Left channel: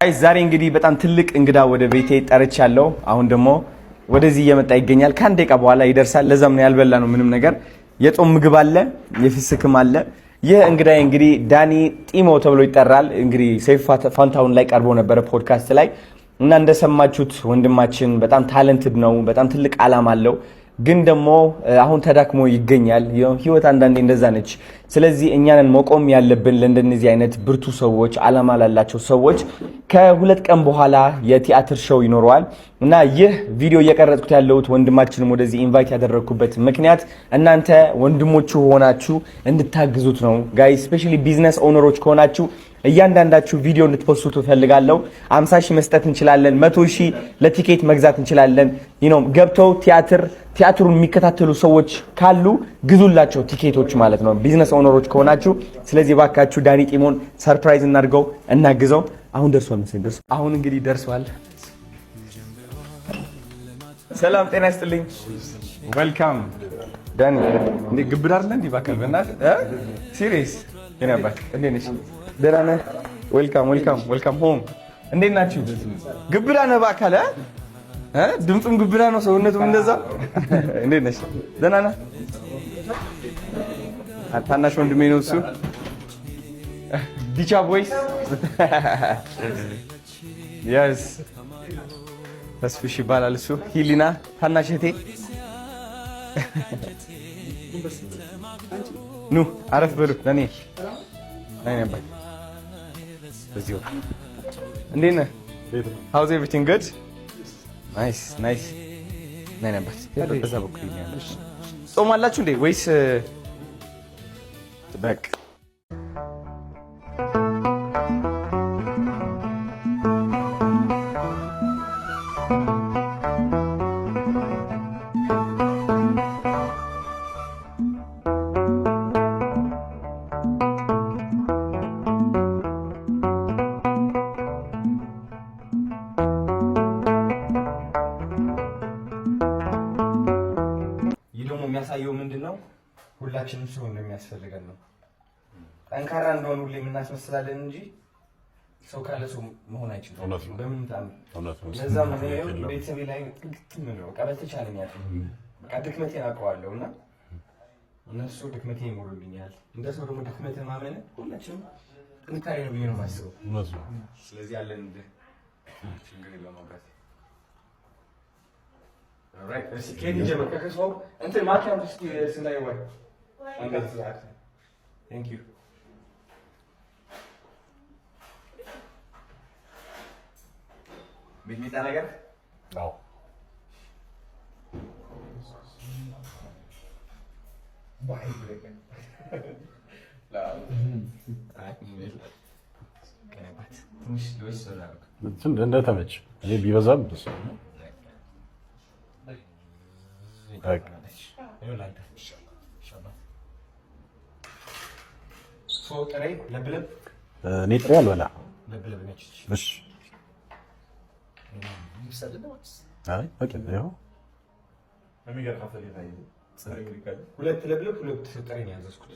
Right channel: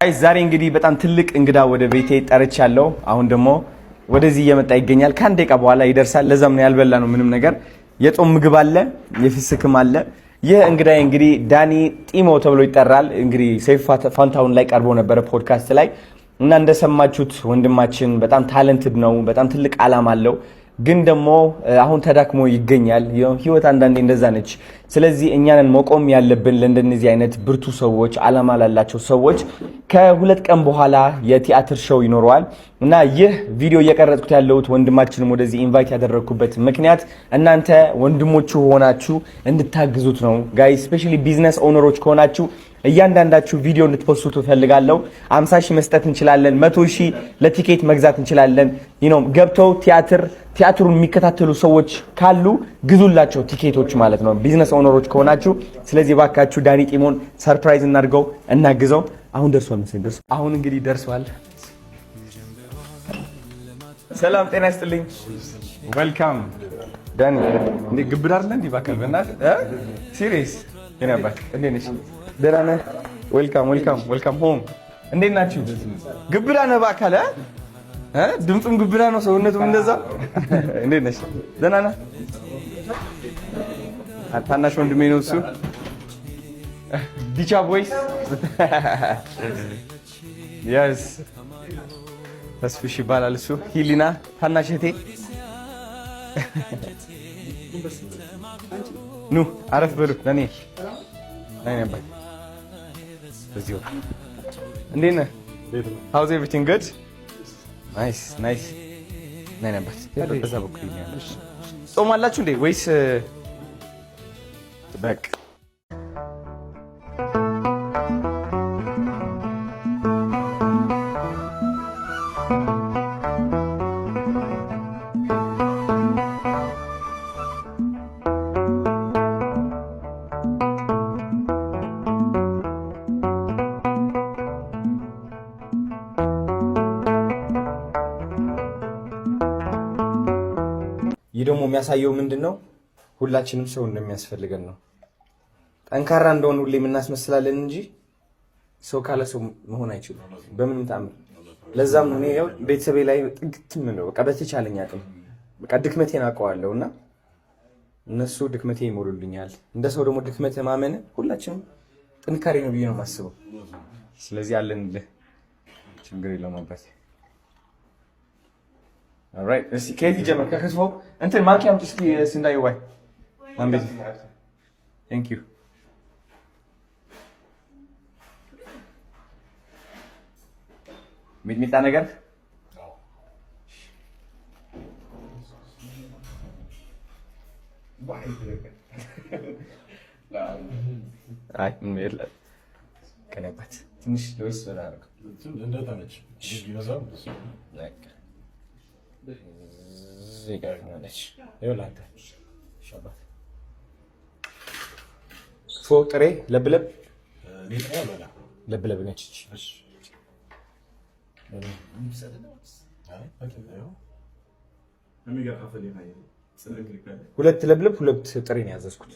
አይ ዛሬ እንግዲህ በጣም ትልቅ እንግዳ ወደ ቤቴ ጠርቻለሁ። አሁን ደግሞ ወደዚህ እየመጣ ይገኛል። ከአንድ ደቂቃ በኋላ ይደርሳል። ለዛም ነው ያልበላ ነው ምንም ነገር። የጾም ምግብ አለ፣ የፍስክም አለ። ይህ እንግዳይ እንግዲህ ዳኒ ጢሞ ተብሎ ይጠራል። እንግዲህ ሰይፉ ፋንታሁን ላይ ቀርቦ ነበረ ፖድካስት ላይ እና እንደሰማችሁት ወንድማችን በጣም ታለንትድ ነው። በጣም ትልቅ አላማ አለው። ግን ደግሞ አሁን ተዳክሞ ይገኛል። ህይወት አንዳንዴ እንደዛ ነች። ስለዚህ እኛንን መቆም ያለብን ለእንደነዚህ አይነት ብርቱ ሰዎች፣ አላማ ላላቸው ሰዎች ከሁለት ቀን በኋላ የቲያትር ሾው ይኖረዋል እና ይህ ቪዲዮ እየቀረጽኩት ያለሁት ወንድማችንም ወደዚህ ኢንቫይት ያደረግኩበት ምክንያት እናንተ ወንድሞቹ ሆናችሁ እንድታግዙት ነው። ጋይ ስፔሻሊ ቢዝነስ ኦነሮች ከሆናችሁ እያንዳንዳችሁ ቪዲዮ እንድትፖስቱ ፈልጋለሁ። 50,000 መስጠት እንችላለን። 100,000 ለቲኬት መግዛት እንችላለን። ገብተው ቲያትሩን የሚከታተሉ ሰዎች ካሉ ግዙላቸው ቲኬቶች ማለት ነው፣ ቢዝነስ ኦነሮች ከሆናችሁ። ስለዚህ ባካችሁ ዳኒ ጢሞን ሰርፕራይዝ እናድርገው፣ እናግዘው። አሁን ደርሷል መሰለኝ። አሁን እንግዲህ ደርሷል። ሰላም ጤና ይስጥልኝ። ዌልካም ዳኒ። እንዴ ግብዳ አይደለ እንዴ? ባካል በእናትህ ሲሪየስ የነበር እንዴ ነሽ? ደህና ነህ? ዌልካም ሆም። እንዴት ናችሁ? ግብዳ ነህ ባካል? ድምፁም ግብዳ ነው፣ ሰውነቱም እንደዛ። እንዴት ነሽ? ደህና ነህ? ታናሽ ወንድሜ ነው እሱ። ዲቻ ቦይስ የስ ተስፍሽ ይባላል እሱ። ሂሊና ታናሽ እህቴ። ኑ አረፍ በሉ። ለኔ ነበር በዚሁ። እንዴት ነህ? ሃውዝ ኤቭሪቲንግ ጉድ? ናይስ ነበር። በዛ በኩል ጾም አላችሁ እንዴ ወይስ በቃ? ይህ ደግሞ የሚያሳየው ምንድነው? ሁላችንም ሰው እንደሚያስፈልገን ነው። ጠንካራ እንደሆነ ሁሌ የምናስመስላለን እንጂ ሰው ካለ ሰው መሆን አይችልም በምንም ተአምር። ለዛም ነው እኔ ቤተሰቤ ላይ ጥግትም ነው በቃ በተቻለኝ አቅም በቃ ድክመቴን አውቀዋለሁ እና እነሱ ድክመቴ ይሞሉልኛል። እንደ ሰው ደግሞ ድክመት ማመን ሁላችንም ጥንካሬ ነው ብዬ ነው የማስበው። ስለዚህ አለን ችግር የለውም አባቴ። ኦልራይት እሺ፣ ከየት ይጀምር? ከከትፎ እንትን ማንኪያ አምጪ እስኪ ስንዳየው። ዋይ አንቤት ቴንክ ዩ። ሚጥሚጣ ነገር አዎ። አይ ምን ከነባት ትንሽ ለውስ አደረገ እንደተመች እኔ ቢበዛም ደስ ነው። ጥሬ ለብለብ እኔ ጥሬ አልበላ ለብለብ ነች። እሺ ሁለት ለብለብ ሁለት ጥሬ ነው ያዘዝኩት።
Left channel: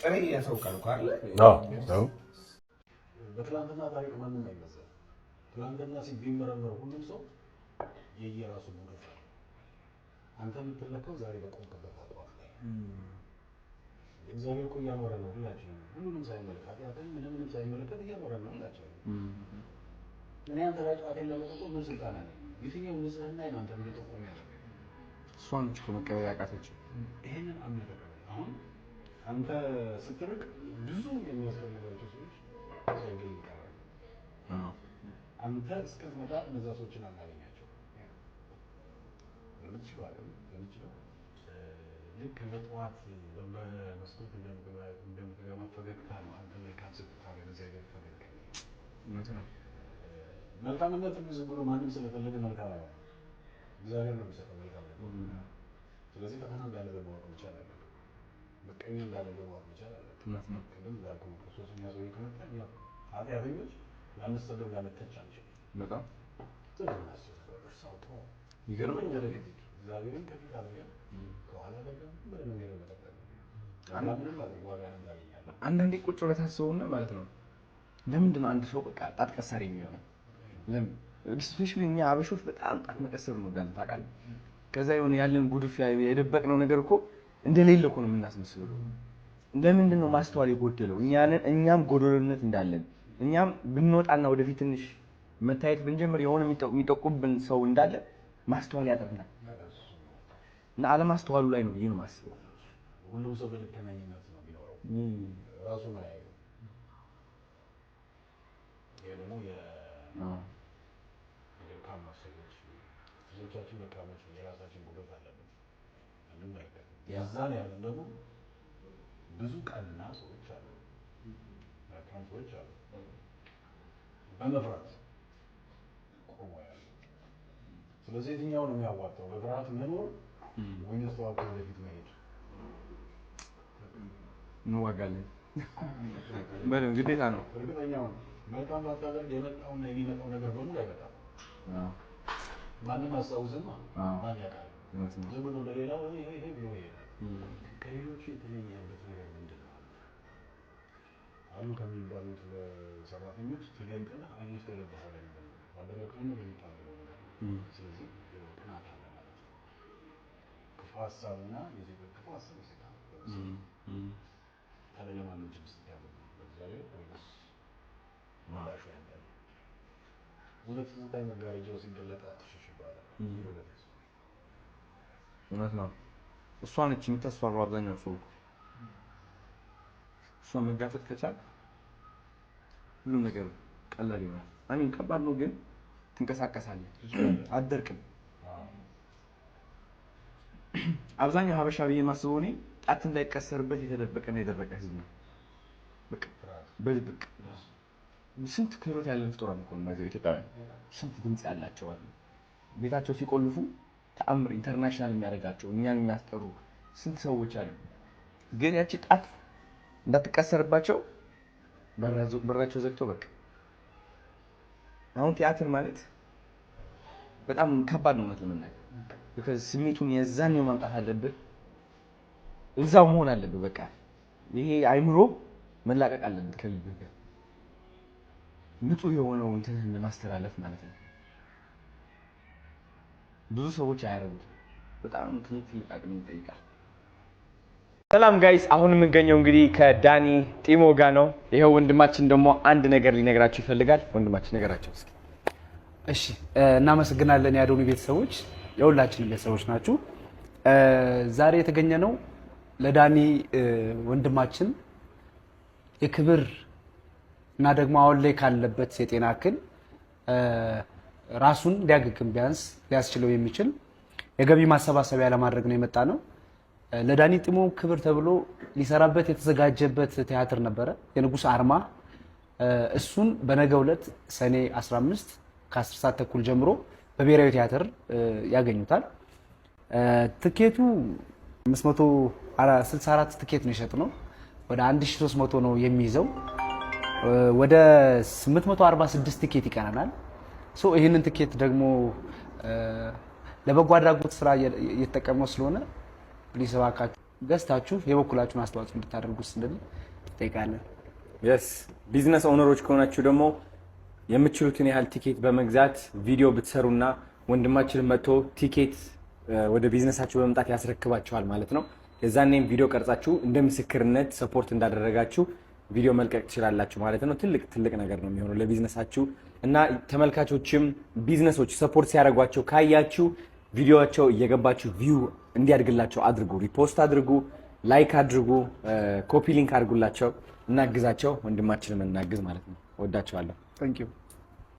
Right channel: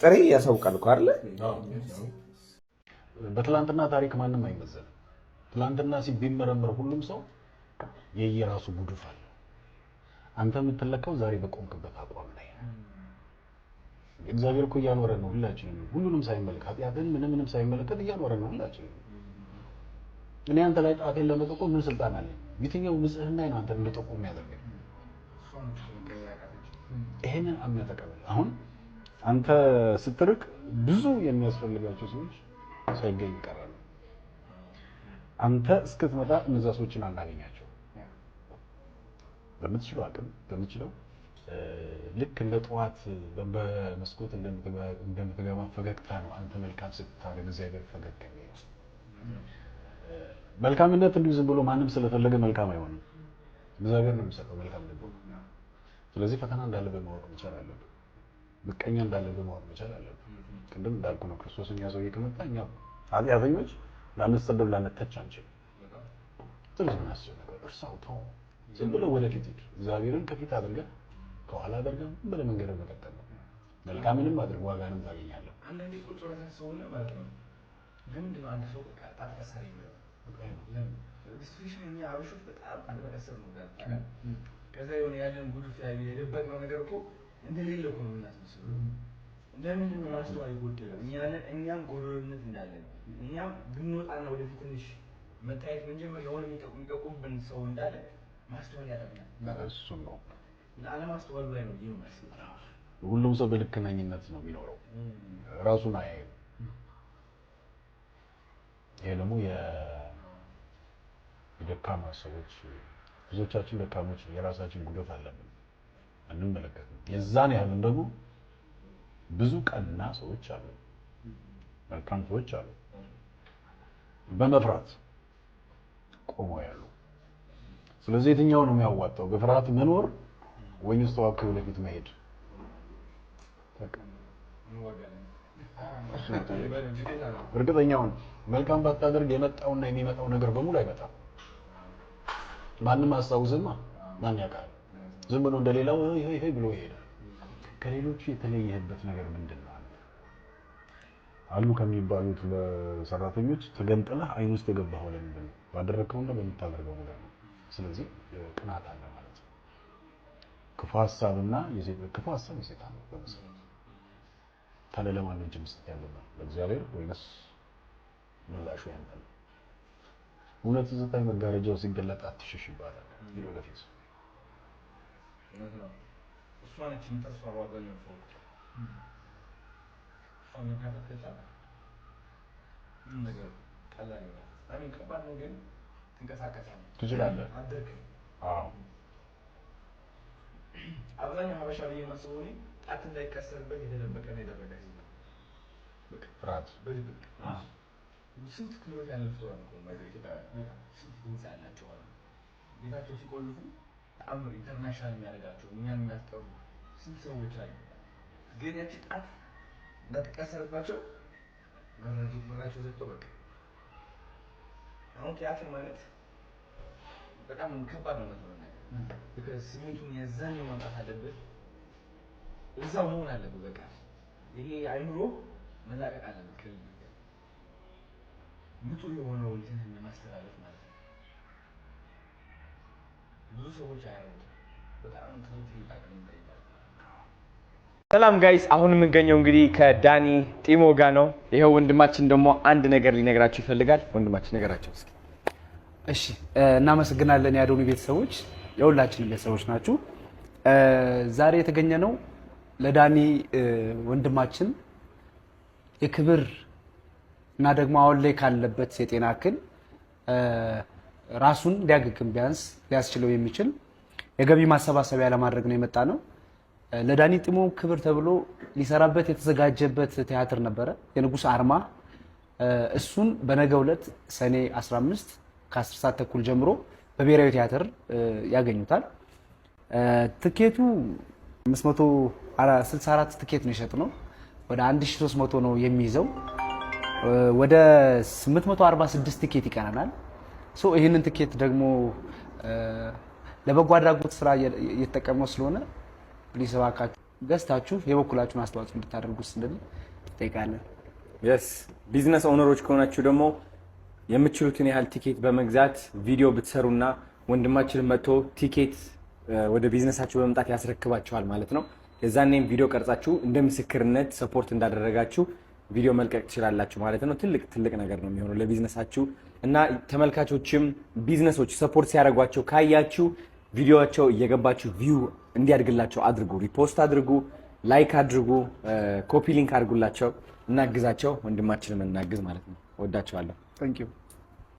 ጥሬ ያሳውቃል እኮ አይደለ? በትላንትና ታሪክ ማንም አይመዘንም። ትላንትና ቢመረመር ሁሉም ሰው የየራሱ ጉድፍ አለ። አንተ የምትለካው ዛሬ በቆምክበት አቋም ላይ። እግዚአብሔር እኮ እያኖረ ነው ሁላችንም፣ ሁሉንም ሳይመለከት ኃጢአትን ምንም ሳይመለከት እያኖረ ነው ሁላችንም። እኔ አንተ ላይ ጣቴን ለመጠቆም ምን ስልጣን አለኝ? የትኛው ንጽህና ነው አንተ እንደጠቆም ያለብኝ? እሷን እኮ መቀበል ያቃተች። ይሄንን አምነህ ተቀበል። አሁን አንተ ስትርቅ ብዙ የሚያስፈልጋቸው ሰዎች ሳይገኝ ይቀራሉ። አንተ እስክትመጣ እነዛ ሰዎችን አናገኛቸው። በምትችለው አቅም በምትችለው ልክ እንደ ጠዋት በመስኮት እንደምትገባ ፈገግታ ነው አንተ መልካም ስታደርግ እግዚአብሔር ፈገግ ይላል። መልካምነት እንዲሁ ዝም ብሎ ማንም ስለፈለገ መልካም አይሆንም። እግዚአብሔር ነው የሚሰጠው መልካም ነገር። ስለዚህ ፈተና እንዳለ በማወቅ መቻል አለብን። ምቀኛ እንዳለ በማወቅ መቻል አለብን። ቅድም እንዳልኩ ነው ክርስቶስን ያዘው ከመጣ እኛ ኃጢአተኞች ላንሰደብ ላንተች አንችልም። በጣም ትልቅ ናቸው ነገር እርሳው ተው ይዘሉ ወደፊት እግዚአብሔርን ከፊት አድርገን ከኋላ አድርገን በለመንገድ መቀጠል ነው። መልካምንም አድርግ ዋጋንም ታገኛለህ። አንዳንዴ ቁጭ ብለህ ታስበውና ማለት ነው ለምንድን ነው አንድ ሰው በቃ ጣት ቀሳሪ የሚሆነው? ለምን ስፔሻሊ እኛ አበሾች በጣም ጣት መቀሰር ነው ዳን ታውቃለህ። ከዛ የሆነ ያለን ጉድፊያ የደበቅነው ነገር እኮ እንደሌለ እኮ ነው የምናስመስለው። ለምንድን ነው ማስተዋል የጎደለው? እኛም ጎደሎነት እንዳለን እኛም ብንወጣና ወደፊት ትንሽ መታየት ብንጀምር የሆነ የሚጠቁብን ሰው እንዳለ ማስተዋል ያጠርናል። እሱ ነው እና አለማስተዋሉ ላይ ነው ይሄን ማስተዋል። ሁሉም ሰው በልክነኝነት ነው የሚኖረው፣ ራሱን አያየው። ይሄ ደግሞ የደካማ ሰዎች ብዙዎቻችን ደካሞች የራሳችን ጉዳት አለብን እንመለከት። የዛን ያህል ደግሞ ብዙ ቀና ሰዎች አሉ፣ መልካም ሰዎች አሉ፣ በመፍራት ቆመው ያሉ። ስለዚህ የትኛው ነው የሚያዋጣው? በፍርሃት መኖር ወይስ ተዋክቶ ወደፊት መሄድ? እንዋጋለን በደም ግዴታ ነው። እርግጠኛውን መልካም ባታደርግ የመጣውና የሚመጣው ነገር በሙሉ አይመጣም። ማንም አስታውስማ ማን ያውቃል? ዝም ብሎ እንደሌላው ይሄ ብሎ ይሄዳል። ከሌሎቹ የተለየህበት ነገር ምንድነው? አሉ ከሚባሉት ለሰራተኞች ተገንጥለህ አይን ውስጥ የገባኸው ለምንድን ነው? ባደረከውና በምታደርገው ነገር ነው። ስለዚህ ቅናት አለ ማለት ነው። ክፉ ሀሳብና ክፉ ሀሳብ የሰይጣን ነው። ታዲያ ለማን ነው መስጠት ያለብን? ለእግዚአብሔር ወይስ ምላሹ ያንተ ነው? እውነት ዝታይ መጋረጃው ሲገለጥ አትሽሽ ይባላል። ሄዶ ለፊት እውነት ነው። እሷ ነች የምታስፈራው አብዛኛው ሰው። እሷ መጋፈጥ ከቻልክ ሁሉም ነገር ቀላል ይሆናል። አሚን ከባድ ነው ግን ትንቀሳቀሳለህ፣ ትችላለህ፣ አትደርቅም። አዎ አብዛኛው ሀበሻ ብዬ የማስበው እኔ ጣት እንዳይቀሰርበት የተደበቀ ነው የደረቀ ህዝብ ነው። በቃ ፍርሃት በድብቅ ስንት ክህሎት ያለን ፍጡራን እኮ ነው ኢትዮጵያውያን። ስንት ድምፅ ያላቸው አሉ። ቤታቸው ሲቆልፉ ተአምር ኢንተርናሽናል የሚያደርጋቸው እኛን የሚያስጠሩ ስንት ሰዎች አሉ። ግን ያቺ ጣት እንዳትቀሰርባቸው በራቸው ዘግተው በቃ። አሁን ቲያትር ማለት በጣም ከባድ ነው ማለት ለምን because ስሜቱን የዛኔው ማምጣት አለብህ፣ እዛው መሆን አለብህ። በቃ ይሄ አይምሮ መላቀቅ አለበት ከልብህ ጋር ንጹህ የሆነው እንትንህን ለማስተላለፍ ማለት ነው። ብዙ ሰዎች አያረጉት። በጣም ትልቅ አቅም ይጠይቃል። ሰላም ጋይስ፣ አሁን የምንገኘው እንግዲህ ከዳኒ ጢሞ ጋር ነው። ይሄው ወንድማችን ደግሞ አንድ ነገር ሊነግራችሁ ይፈልጋል። ወንድማችን ነገራቸው እስኪ። እሺ፣ እናመሰግናለን የአዶኒ ቤተሰቦች፣ የሁላችንም ቤተሰቦች ናችሁ። ዛሬ የተገኘ ነው ለዳኒ ወንድማችን የክብር እና ደግሞ አሁን ላይ ካለበት የጤና እክል ራሱን ሊያገግም ቢያንስ ሊያስችለው የሚችል የገቢ ማሰባሰቢያ ለማድረግ ነው የመጣ ነው። ለዳኒ ጢሞ ክብር ተብሎ ሊሰራበት የተዘጋጀበት ቲያትር ነበረ፣ የንጉስ አርማ። እሱን በነገው ዕለት ሰኔ 15 ከ10 ሰዓት ተኩል ጀምሮ በብሔራዊ ቲያትር ያገኙታል። ትኬቱ 564 ትኬት ነው የሸጥነው። ወደ 1300 ነው የሚይዘው። ወደ 846 ትኬት ይቀረናል። ይህንን ትኬት ደግሞ ለበጎ አድራጎት ስራ እየተጠቀምነው ስለሆነ ፕሊስ እባካችሁ ገዝታችሁ የበኩላችሁን አስተዋጽኦ እንድታደርጉ ስንል እንጠይቃለን። yes ቢዝነስ ኦነሮች ከሆናችሁ ደግሞ የምትችሉትን ያህል ቲኬት በመግዛት ቪዲዮ ብትሰሩና ወንድማችን መጥቶ ቲኬት ወደ ቢዝነሳችሁ በመምጣት ያስረክባችኋል ማለት ነው። የዛኔም ቪዲዮ ቀርጻችሁ እንደ ምስክርነት ሰፖርት እንዳደረጋችሁ ቪዲዮ መልቀቅ ትችላላችሁ ማለት ነው። ትልቅ ነገር ነው የሚሆነው ለቢዝነሳችሁ እና ተመልካቾችም ቢዝነሶች ሰፖርት ሲያደርጓቸው ካያችሁ ቪዲዮአቸው እየገባችሁ ቪው እንዲያድግላቸው አድርጉ፣ ሪፖስት አድርጉ፣ ላይክ አድርጉ፣ ኮፒ ሊንክ አድርጉላቸው፣ እናግዛቸው። ወንድማችንን እናግዝ ማለት ነው። ወዳችኋለሁ። ታንክ ዩ